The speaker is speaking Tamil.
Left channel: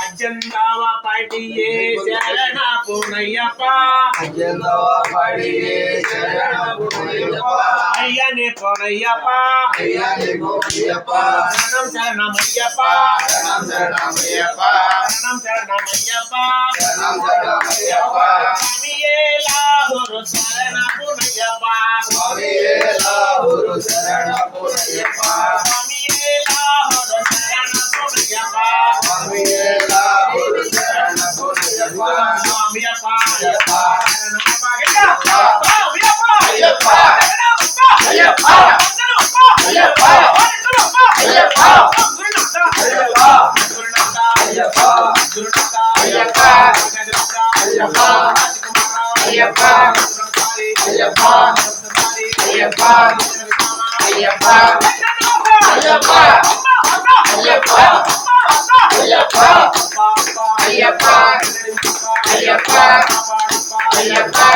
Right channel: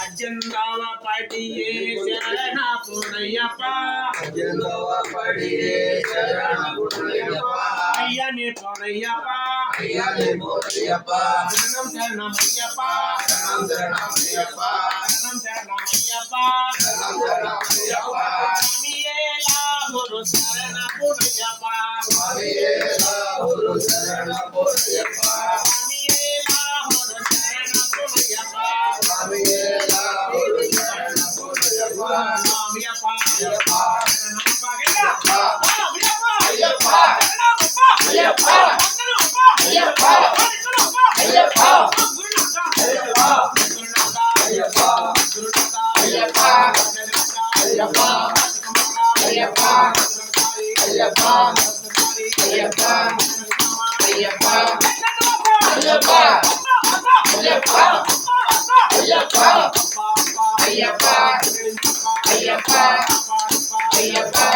அஜந்தாவ படியே சரண புனையப்பா அஜந்தாவ படியே சரண புனையப்பா ஐயனே புனையப்பா ஐயனே புனையப்பா சரணம் சரணம் ஐயப்பா சரணம் சரணம் ஐயப்பா சரணம் சரணம் ஐயப்பா சரணம் சரணம் ஐயப்பா சுவாமியே லாகுரு சரண புனையப்பா சுவாமியே லாகுரு சரண புனையப்பா சுவாமியே லாகுரு சரண புனையப்பா சுவாமியே லாகுரு சரண புனையப்பா சுவாமியப்பா ஐயப்பா சரணமப்பா ஐயப்பா ஐயப்பா ஐயப்பா ஐயப்பா ஐயப்பா ஐயப்பா குருநாதா ஐயப்பா குருநாதா ஐயப்பா குருநாதா ஐயப்பா ஐயப்பா ஐயப்பா ஐயப்பா ஐயப்பா ஐயப்பா ஐயப்பா ஐயப்பா ஐயப்பா ஐயப்பா ஐயப்பா ஐயப்பா